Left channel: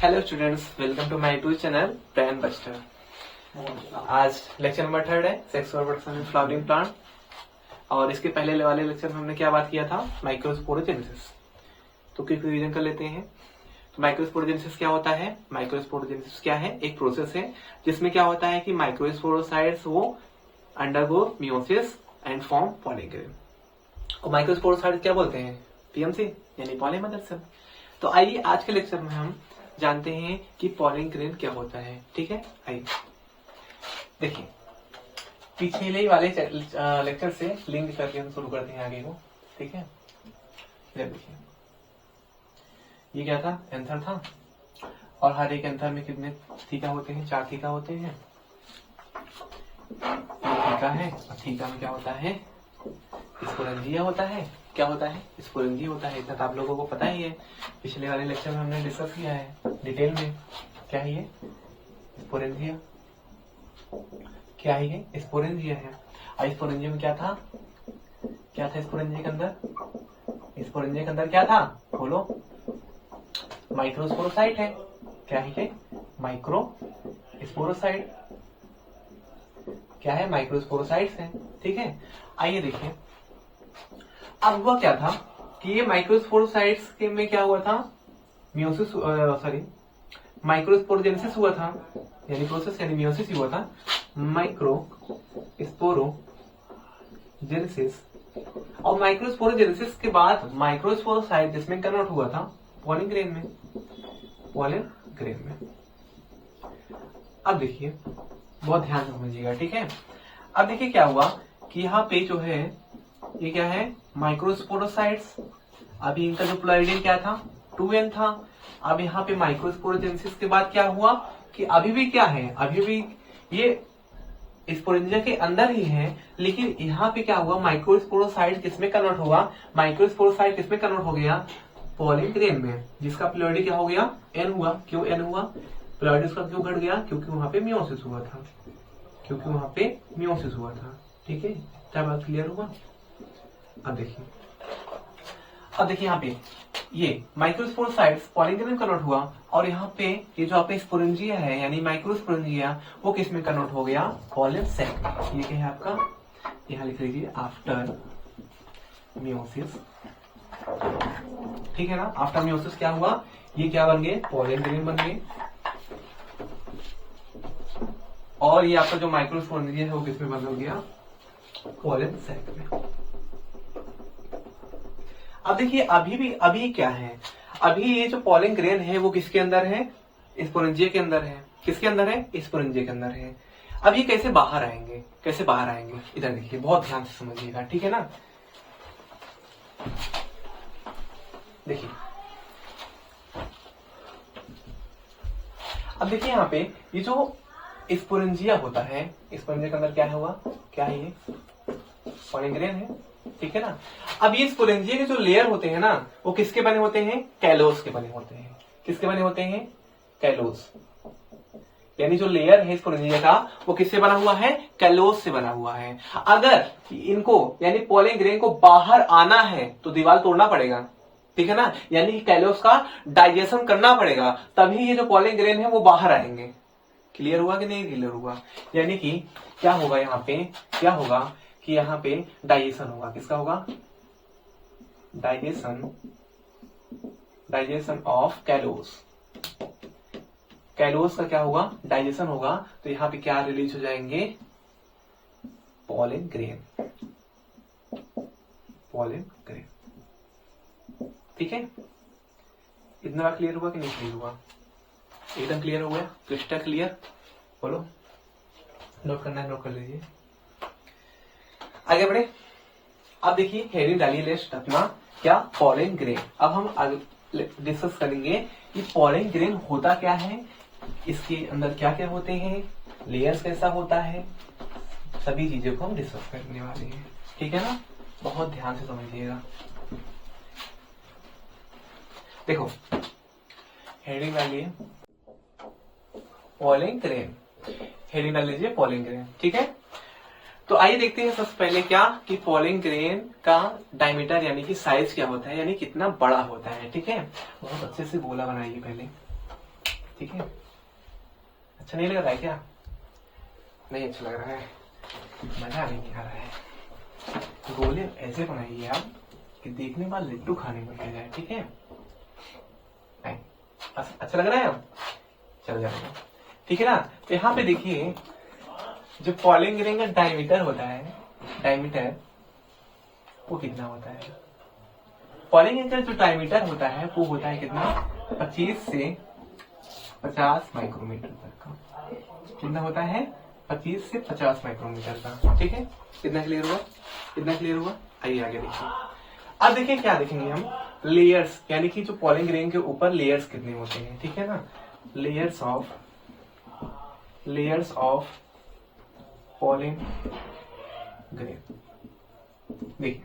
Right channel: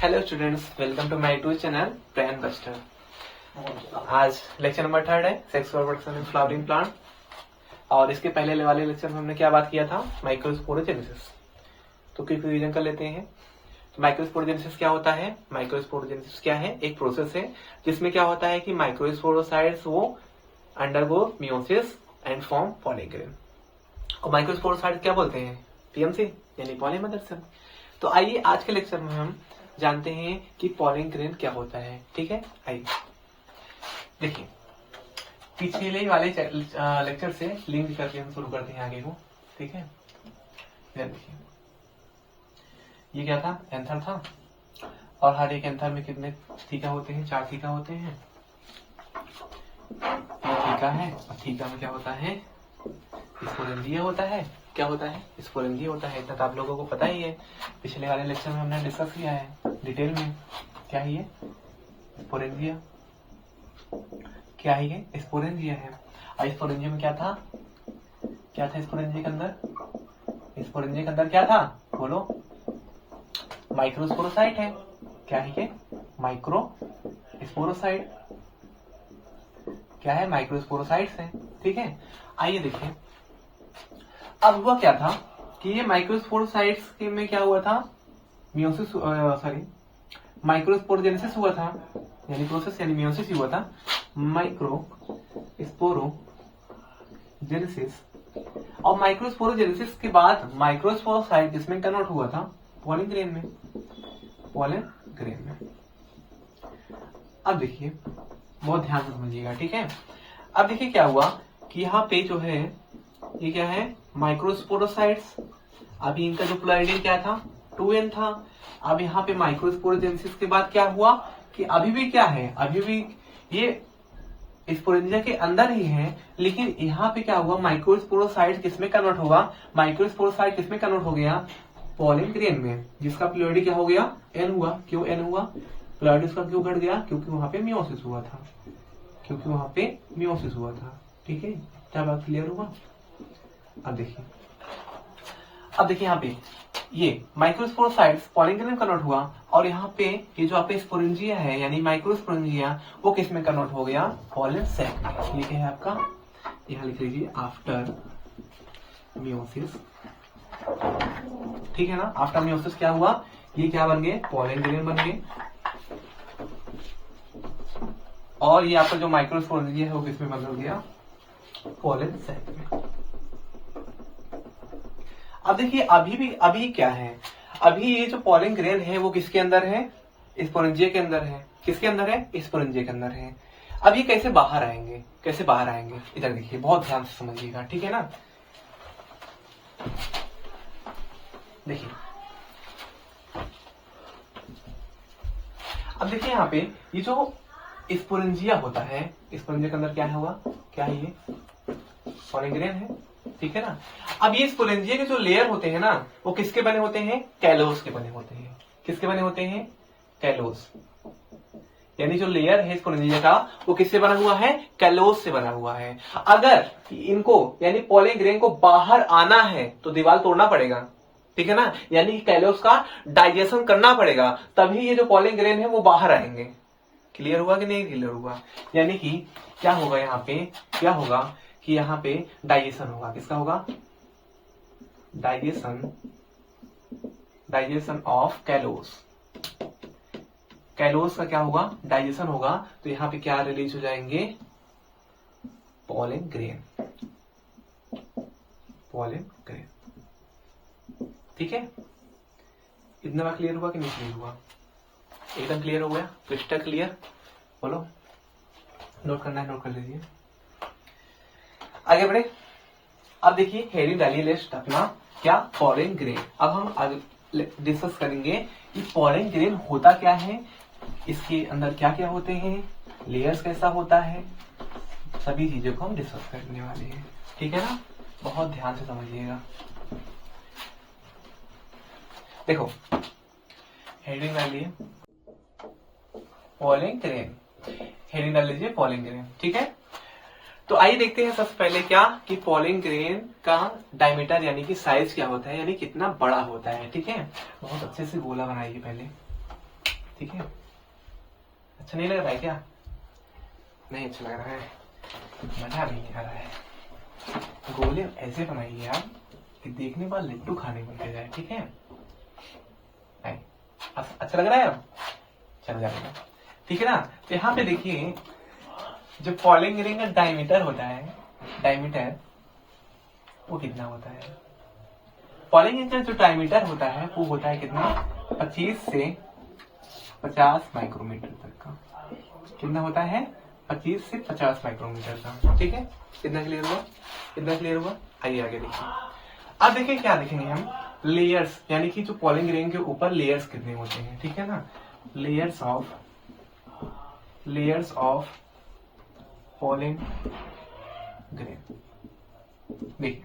Hello students, welcome to my YouTube channel plant buster. आज lecture number 3 है, sexual production in flowering plant. और इसके पहले वाले लेक्चर में हमने क्या बात किया था, माइक्रोस्पोरोजेनेसिस। तो क्विक रिवीजन कर लेते हैं। तो माइक्रोस्पोरोजेनेसिस क्या होता है? माइक्रोस्पोरोजेनेसिस क्या है? एक प्रोसेस है जिसमें क्या होता है कि माइक्रोस्पोरोसाइट्स वो undergo meiosis and form pollen grain. और माइक्रोस्पोरोसाइट्स क्या बोलते हैं? पीएमसी यानी पॉली मदर सेल। तो आइए आज के लेक्चर में हम जानते हैं कि पॉलिन ग्रेन क्या होता है। ठीक है, आइए देखिए, पिछले वाले लेक्चर से लिंक करके हम शुरू करते हैं आगे को। ठीक है, देखिए ये क्या था? एंथर था। और हर एक एंथर में कितने थीका होते हैं? 4 थीका होते हैं। ये थीका है और थीका में क्या होता है? स्पोरेंजिया होता है। क्या होता है? स्पोरेंजिया होता है। इतना तो आप लोगों को पता ही है, पिछले वाले लेक्चर में हमने डिस्कस किया है डिटेल में। क्या है ये? स्पोरेंजिया। क्या है ये? स्पोरेंजिया है। और स्पोरेंजिया में क्या था? क्या था स्पोरेंजिया के अंदर? स्पोरेंजिया के अंदर क्या था? बोलो। माइक्रोस्पोरोसाइट है। क्या है ये? माइक्रोस्पोरोसाइट। क्या है? माइक्रोस्पोरोसाइट्स है। ठीक है, आइए देखिए, अब हुआ क्या था कि ये माइक्रोस्पोरोसाइट्स के में क्या हुआ था? मियोसिस माइक्रोस्पोरोजेनेसिस हुआ था, यानी प्रोसेस यानी मियोसिस हुआ था। माइक्रोस्पोरोजेनेसिस। और माइक्रोस्पोरोजेनेसिस के बाद माइक्रोस्पोरोसाइट जिसमें कन्वर्ट हुआ था पॉलिन ग्रेन में। पॉलिन ग्रेन में। अब देखिए, बहुत ध्यान से समझिएगा। ठीक है, अब देखिए क्या हुआ कि यहाँ पे जो है ये क्या है? माइक्रोस्पोरोसाइट्स। अभी इनका जो प्लॉइडियन क्या था? 2n था। अब यहाँ पे माइक्रोस्पोरोजेनेसिस के बाद क्या हुआ कि अभी भी क्या है? अभी भी ये स्पोरेंजिया के अंदर ही है, लेकिन यहाँ पे क्या हुआ? माइक्रोस्पोरोसाइट किसमें कन्वर्ट हुआ? माइक्रोस्पोरोसाइट किसमें कन्वर्ट हो गया? पॉलिन ग्रेन में, जिसका प्लॉइडी क्या हो गया? n हुआ। क्यों n हुआ? प्लॉइडी उसका क्यों घट गया? क्योंकि वहां पे मियोसिस हुआ था। क्योंकि वहां पे मियोसिस हुआ था। ठीक है, क्या बात क्लियर हुआ? अब देखिए, यहाँ पे ये माइक्रोस्पोरोसाइट्स पॉलिन ग्रेन में कन्वर्ट हुआ, और यहाँ पे ये जो आपका स्पोरेंजिया है यानी माइक्रोस्पोरेंजिया वो किस में कन्वर्ट हो गया? पॉलिन सैक में। ये क्या है आपका? यहाँ लिख लीजिए आफ्टर मियोसिस। ठीक है ना, आफ्टर मियोसिस क्या हुआ? ये क्या बन गए? पॉलिन ग्रेन बन गए। और ये आपका जो माइक्रोस्पोरेंजिया है वो किसमें बंद हो गया? पॉलिन सैक में। अब देखिए, अभी क्या है? अभी ये जो पॉलिन ग्रेन है वो किसके अंदर है? स्पोरेंजिया के अंदर है। किसके अंदर है? स्पोरेंजिया के अंदर है। अब ये कैसे बाहर आएंगे? कैसे बाहर आएंगे? इधर देखिए, बहुत ध्यान से समझिएगा। ठीक है ना, देखिए, अब देखिए यहाँ पे ये जो स्पोरेंजिया होता है, स्पोरेंजिया के अंदर क्या हुआ? क्या है ये? पॉलिन ग्रेन है। ठीक है ना, अब ये स्पोरेंजिया के जो लेयर होते हैं ना वो किसके बने होते हैं? कैलोस के बने होते हैं। किसके बने होते हैं? कैलोस। यानी जो लेयर है स्पोरेंजिया का वो किससे बना हुआ है? कैलोस से बना हुआ है। अगर इनको यानी पॉलिन ग्रेन को बाहर आना है तो दीवार तोड़ना पड़ेगा। ठीक है ना, यानी कि कैलोस का डाइजेशन करना पड़ेगा, तभी ये जो पॉलिन ग्रेन है वो बाहर आएंगे। क्लियर हुआ कि नहीं क्लियर हुआ? यानी कि क्या होगा यहाँ पे? क्या होगा कि यहाँ पे डाइजेशन होगा। किसका होगा? Digestion of callose. कैलोस का क्या होगा? डाइजेशन होगा। तो यहाँ पे क्या रिलीज हो जाएंगे? Pollen grain. Pollen grain. ठीक है, इतना क्लियर हुआ कि नहीं क्लियर हुआ? एकदम क्लियर हो गया, क्रिस्टल क्लियर। बोलो, नोट करना है नोट कर लीजिए। आगे बढ़े। अब देखिए, हेडिंग डालिए लिस्ट अपना, क्या? Pollen grain. अब हम आगे डिस्कस करेंगे कि पॉलिन ग्रेन होता क्या है, इसके अंदर क्या क्या होते हैं, लेयर्स कैसा होता है, सभी चीजों को हम डिस्कस करने वाले हैं। ठीक है ना, बहुत ध्यान से समझिएगा। देखो, हेडिंग डालिए पॉलिन ग्रेन। हेडिंग डाल लीजिए पॉलिन ग्रेन। ठीक है, तो आइए देखते हैं सबसे पहले क्या कि पॉलिन ग्रेन का डायमीटर यानी कि साइज क्या होता है, यानी कितना बड़ा होता है। ठीक है, बहुत अच्छे से गोला बनाइए पहले। ठीक है, अच्छा नहीं लग रहा है क्या? नहीं अच्छा लग रहा है, मजा नहीं आ रहा है। गोले ऐसे बनाइए आप कि देखने के बाद लड्डू खाने को मिल जाए, ठीक है? नहीं अच्छा लग रहा है अब, चल जाएगा, ठीक है ना? तो यहाँ पे देखिए जो पॉलिंग रिंग का डायमीटर होता है, डायमीटर वो कितना होता है? पॉलिंग रिंग का जो डायमीटर होता है वो होता है कितना? 25 से 50 माइक्रोमीटर तक का। कितना होता है? 25 से 50 माइक्रोमीटर का, ठीक है? कितना क्लियर हुआ? कितना क्लियर हुआ? आइए आगे देखिए। अब देखिए क्या देखेंगे हम, लेयर्स, यानी कि जो पॉलिंग रिंग के ऊपर लेयर्स कितने होते हैं, ठीक है ना? Layers of polling grain. देखिए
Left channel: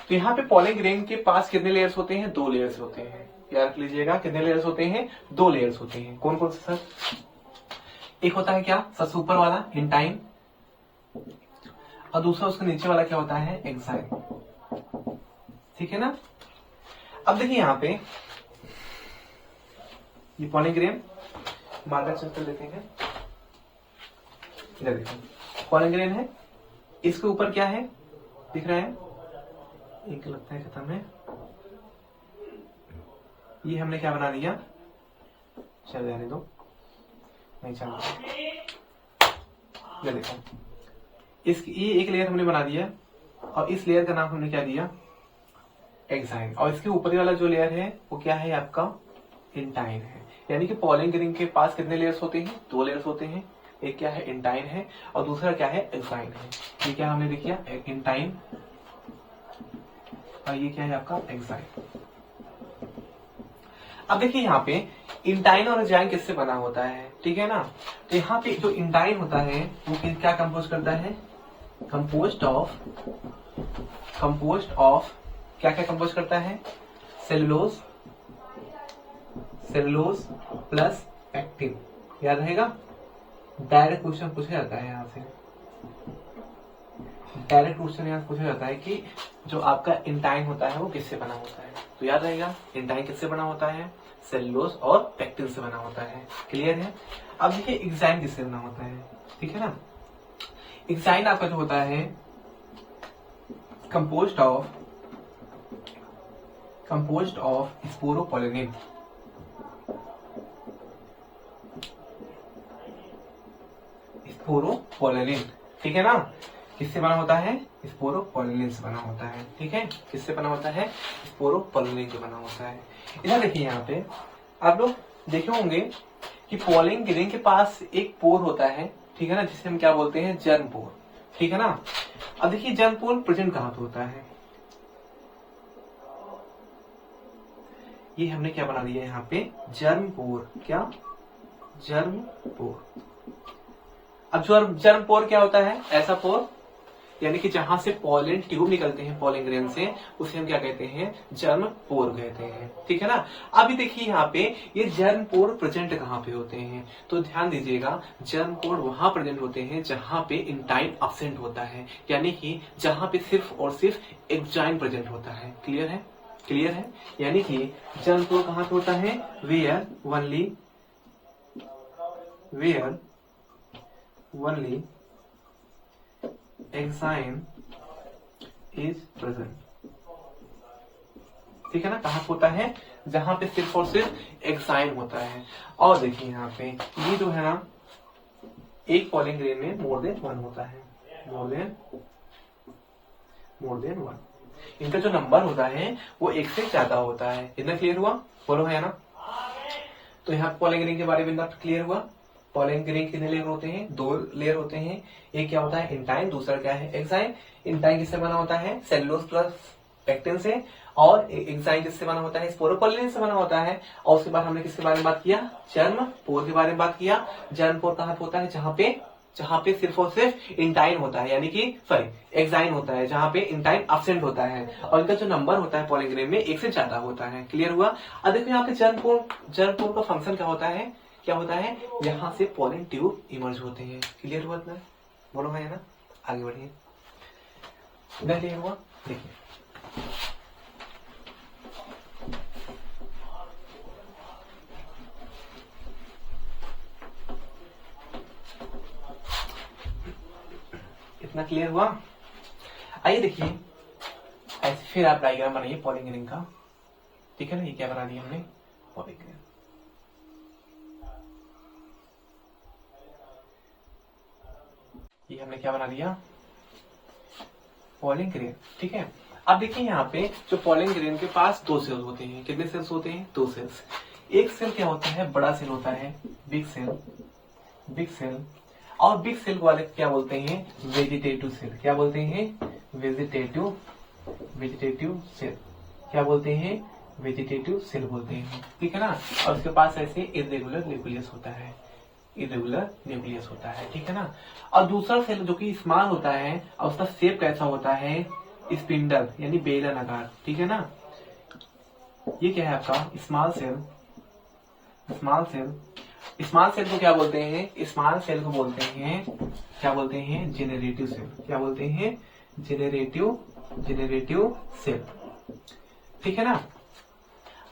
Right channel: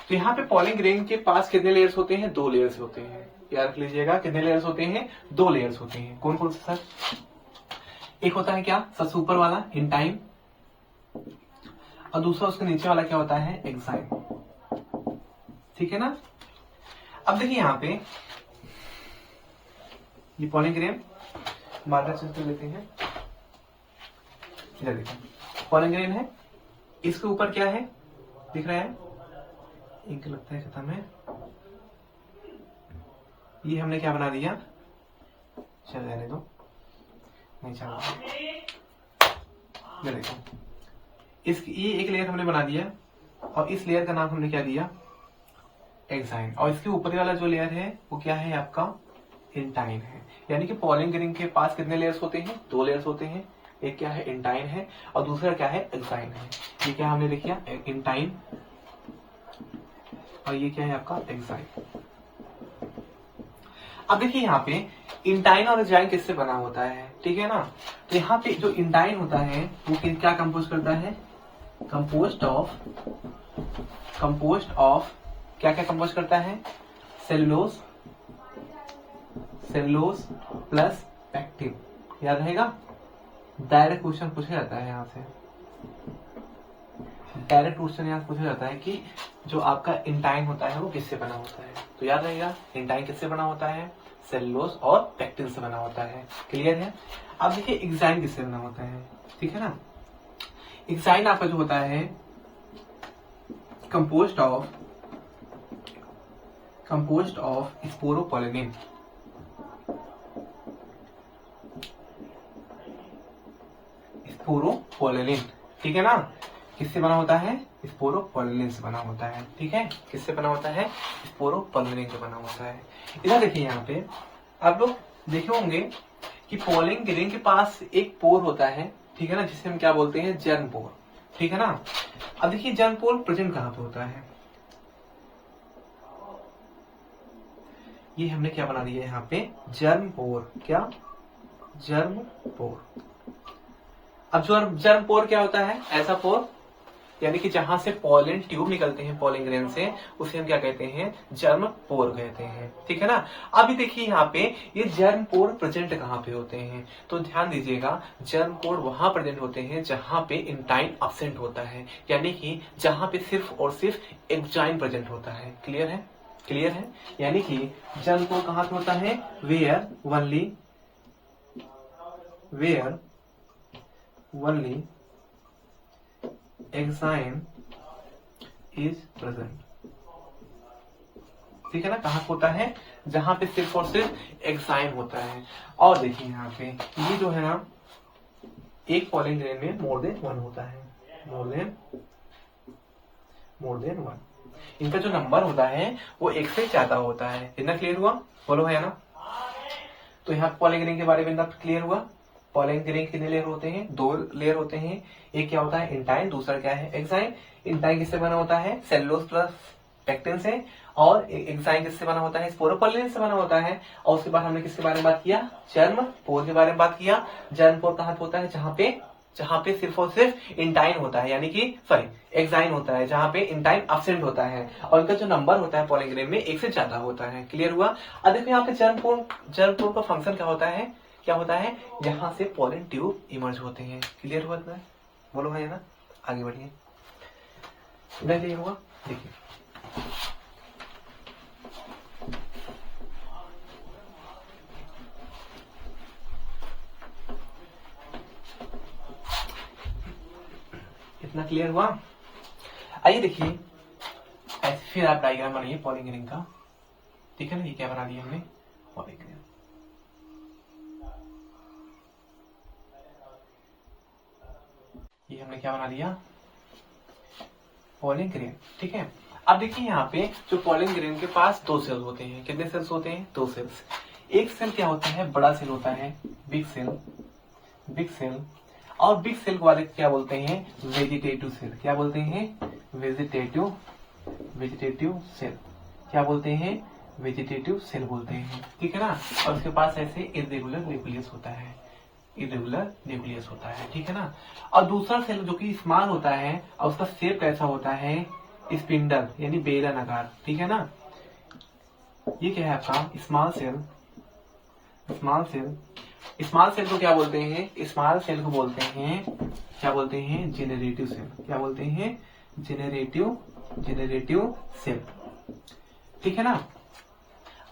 तो यहाँ पे पॉलिंग ग्रेन के पास कितने लेयर्स होते हैं? 2 लेयर्स होते हैं, याद रख लीजिएगा। कितने लेयर्स होते हैं? 2 लेयर्स होते हैं। कौन कौन से सर? एक होता है क्या? सबसे ऊपर वाला इंटाइन, और दूसरा उसके नीचे वाला क्या होता है? एक्साइन, ठीक है ना? अब देखिए यहाँ पे ये पॉलिंग ग्रेन मार्कर चलते लेते हैं, इधर देखो पॉलिंग ग्रेन है, इसके ऊपर क्या है दिख रहा है? एक लगता है खत्म है, ये हमने क्या बना दिया? चल जाने दो, नहीं चल रहा, देखो ये एक लेयर हमने बना दिया, और इस लेयर का नाम हमने क्या दिया? एक्साइन। और इसके ऊपर वाला जो लेयर है वो क्या है आपका? इंटाइन है। यानी कि पॉलिंग रिंग के पास कितने लेयर्स होते हैं? 2 लेयर्स होते हैं। एक क्या है? इंटाइन है, और दूसरा क्या है? एक्साइन है। ये क्या हमने लिख दिया? इंटाइन, और ये क्या है आपका? एक्साइन। अब देखिए यहाँ पे इंटाइन और एक्साइन किससे बना होता है, ठीक है ना? तो यहाँ पे जो इंटाइन होता है वो क्या कंपोज करता है? कंपोस्ट ऑफ क्या क्या कंपोज करता है? Cellulose plus pectin. याद रहेगा, डायरेक्ट क्वेश्चन पूछा जाता है यहाँ से, डायरेक्ट क्वेश्चन यहाँ पूछा जाता है कि जो आपका इंटाइन होता है वो किससे बना होता है। तो याद रहेगा इंटाइन किससे बना होता है? सेलुलोज और पैक्टिन से बना होता है। क्लियर है? अब देखिए एक्साइन किससे बना होता है, ठीक है ना? एक्साइन आपका जो होता है कंपोस्ट ऑफ स्पोरोपोलिनिन। स्पोरोपोलिनिन, ठीक है ना? किससे बना होता है? स्पोरोपोलिनिन से बना होता है, ठीक है? किससे बना होता है? स्पोरोपोलिनिन से बना होता है। इधर देखिए यहाँ पे आप लोग देखे होंगे कि पॉलिंग ग्रेन के पास एक पोर होता है, ठीक है ना? जिसे हम क्या बोलते हैं? जर्म पोर, ठीक है ना? अब देखिए जर्म पोर प्रेजेंट कहाँ पे होता है? ये हमने क्या बना दिया यहाँ पे? जर्म पोर। क्या? जर्म पोर। अब जर्म पोर क्या होता है? ऐसा पोर यानी कि जहां से पॉलन ट्यूब निकलते हैं पॉलिंग ग्रेन से, उसे हम क्या कहते हैं? जर्म पोर कहते हैं, ठीक है ना? अभी देखिए यहाँ पे ये जर्म पोर प्रेजेंट कहाँ पे होते हैं? तो ध्यान दीजिएगा, जर्म पोर वहां प्रेजेंट होते हैं जहां पे इंटाइन अब्सेंट होता है, यानी कि जहां पे सिर्फ और सिर्फ एक्साइन प्रेजेंट होता है। क्लियर है? क्लियर है? यानी कि जर्म पोर कहाँ पे होता है? Where only exine is present, ठीक है ना? कहाँ होता है? जहां पे सिर्फ और सिर्फ एक्साइन होता है। और देखिए यहाँ पे ये जो है ना, एक पॉलिंग ग्रेन में मोर देन 1 होता है, मोर देन 1। इनका जो नंबर होता है वो 1 से ज्यादा होता है। इतना क्लियर हुआ? बोलो है ना? तो यहाँ पॉलिंग ग्रेन के बारे में क्लियर हुआ। पॉलिंग ग्रेन कितने लेयर होते हैं? 2 लेयर होते हैं। एक क्या होता है? इंटाइन, दूसरा क्या है? एक्साइन। इंटाइन किससे बना होता है? सेलुलोज प्लस पैक्टिन से, और एक्साइन किससे बना होता है? स्पोरोपोलिन से बना होता है। और उसके बाद हमने किसके बारे में बात किया? जर्म पोर के बारे में बात किया। जर्म पोर कहाँ पे होता है? जहां पे सिर्फ और सिर्फ इंटाइन होता है, यानी कि एक्साइन होता है, जहां पे इंटाइन अब्सेंट होता है, और इनका जो नंबर होता है पॉलिंग ग्रेन में 1 से ज्यादा होता है। क्लियर हुआ? अब देखो यहाँ पे जर्म पोर का फंक्शन क्या होता है? यहाँ से पॉलिन ट्यूब इमर्ज होते हैं। क्लियर हुआ इतना? बोलो है ना? आगे बढ़िए। इधर क्लियर हुआ? देखिए इतना क्लियर हुआ? आइए देखिए, ऐसे फिर आप डायग्राम बनाइए पॉलिंग रिंग का, ठीक है ना। ये क्या बना दिया हमने, पॉलिंग रिंग। ये हमने क्या बना दिया, पॉलिंग ग्रेन, ठीक है। अब देखिए यहाँ पे जो पॉलिंग ग्रेन के पास दो सेल्स होते हैं, कितने सेल्स होते हैं, दो सेल्स। एक सेल क्या होता है, बड़ा सेल होता है, बिग सेल, बिग सेल। और बिग सेल वाले क्या बोलते हैं, वेजिटेटिव सेल। क्या बोलते हैं, वेजिटेटिव, वेजिटेटिव सेल। क्या बोलते हैं, वेजिटेटिव सेल बोलते हैं, ठीक है ना। और उसके पास ऐसे इर्रेगुलर न्यूक्लियस होता है, इरेगुलर न्यूक्लियस होता है, ठीक है ना। और दूसरा सेल जो कि स्मॉल होता है और उसका शेप कैसा होता है, स्पिंडल यानी बेलनाकार, ठीक है ना। ये क्या है आपका small cell, small cell. Small cell को क्या बोलते हैं, स्मॉल सेल को बोलते हैं, क्या बोलते हैं, जेनरेटिव सेल। क्या बोलते हैं, जेनरेटिव, जेनरेटिव सेल, ठीक है ना।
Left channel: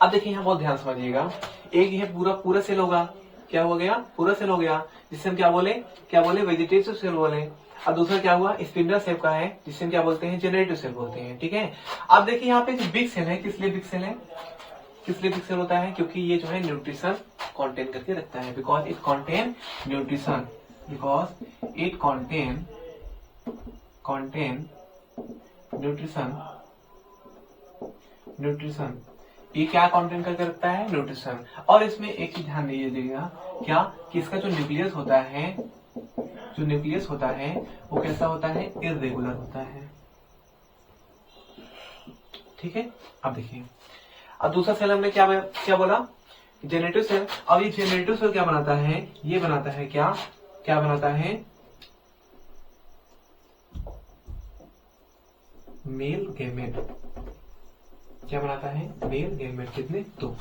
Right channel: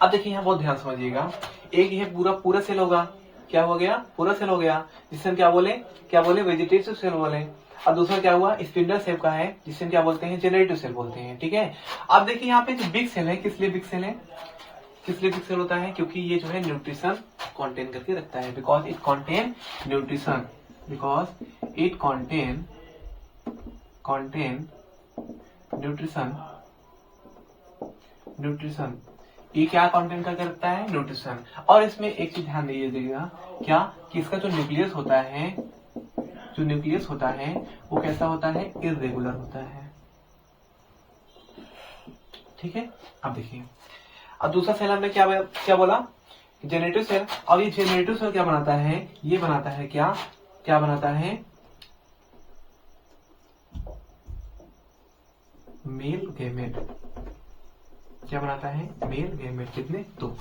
अब देखिए यहाँ बहुत ध्यान समझिएगा, एक ये पूरा पूरा सेल होगा, क्या हो गया, पूरा सेल हो गया, जिससे हम क्या बोले वेजिटेटिव सेल बोले। और दूसरा क्या हुआ, स्पिंडल शेप का है, जिससे हम क्या बोलते हैं, जेनरेटिव सेल बोलते हैं, ठीक है। अब देखिए यहाँ पे जो बिग सेल है, किस लिए बिग सेल है, किस लिए बिग सेल होता है, क्योंकि ये जो है न्यूट्रिशन कंटेन करके रखता है, because it contain nutrition, because it contain nutrition, nutrition. ये क्या कंटेन करके रखता है, न्यूट्रिशन। और इसमें एक चीज ध्यान दीजिएगा, क्या कि इसका जो न्यूक्लियस होता है, जो न्यूक्लियस होता है वो कैसा होता है, इर्रेगुलर होता है, ठीक है। अब देखिए, अब दूसरा सेल हमने क्या बोला, जेनरेटिव सेल। अब ये जेनरेटिव सेल क्या बनाता है, ये बनाता है क्या बनाता है, मेल गैमेट। क्या बनाता है, मेल गैमेट। कितने, दो।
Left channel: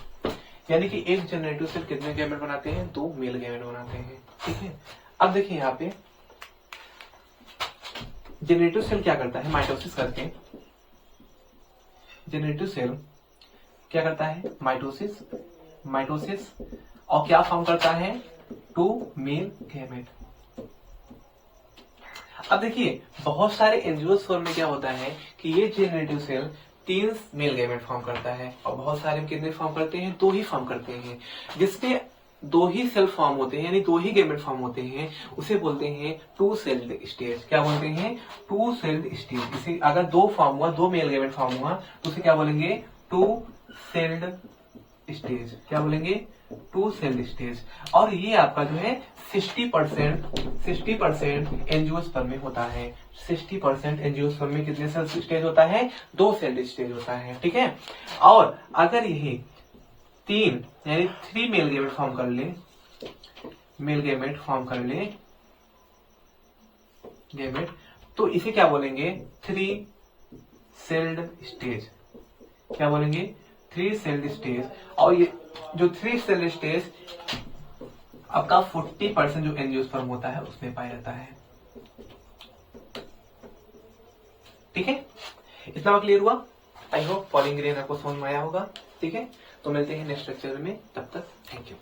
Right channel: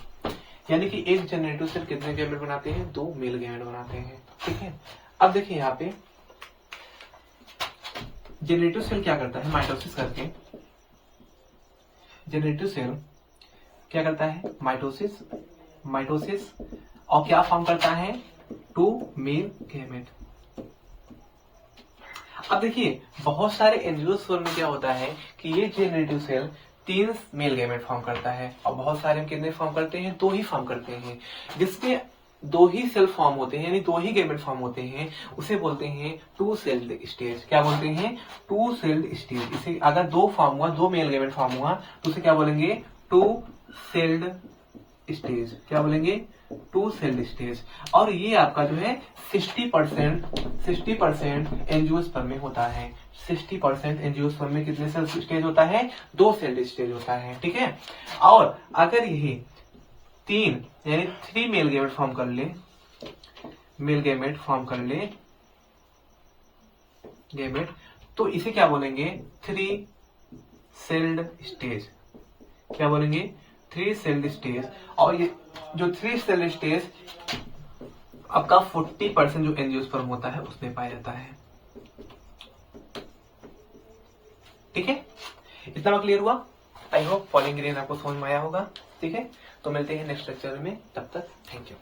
यानी कि एक जेनरेटिव सेल कितने गैमेट बनाते हैं, दो मेल गैमेट बनाते हैं, ठीक है। अब देखिए यहाँ पे जेनरेटिव सेल क्या करता है, माइटोसिस करके, जेनरेटिव सेल क्या करता है, माइटोसिस, माइटोसिस, और क्या फॉर्म करता है, टू मेल गैमेट। अब देखिए बहुत सारे एंजियोस्पर्म में क्या होता है कि ये generative cell 3 male gamete form करता है, और बहुत सारे में कितने फॉर्म करते हैं, 2 ही फॉर्म करते हैं। जिसके 2 ही सेल फॉर्म होते हैं, यानी 2 ही गैमेट फॉर्म होते हैं, उसे बोलते हैं टू सेल्ड स्टेज। क्या बोलते हैं, टू सेल्ड स्टेज। इसे अगर 2 फॉर्म हुआ, 2 मेल गैमेट फॉर्म हुआ, तो उसे क्या बोलेंगे, टू सेल्ड स्टेज। क्या बोलेंगे, टू सेल्ड स्टेज। और ये आपका जो है 60% एंजियोस्पर्म में होता है। 60% एंजियोस्पर्म में कितने सेल स्टेज होता है, 2 सेल्ड स्टेज होता है, ठीक है। और अगर यही 3 यानी 3 मेल गैमेट फॉर्म कर ले, मेल गैमेट फॉर्म कर ले गैमेट, तो इसे क्या बोलेंगे, 3 सेल्ड स्टेज। क्या बोलेंगे, 3 सेल्ड स्टेज। और ये जो 3 सेल्ड स्टेज आपका 40% जो एंजियोस्पर्म होता है उसमें पाया जाता है, ठीक है। इतना क्लियर हुआ? आई होप पॉलिंग ग्रेन आपको समझ में आया होगा, ठीक है। तो मिलते हैं नेक्स्ट लेक्चर में, तब तक थैंक यू।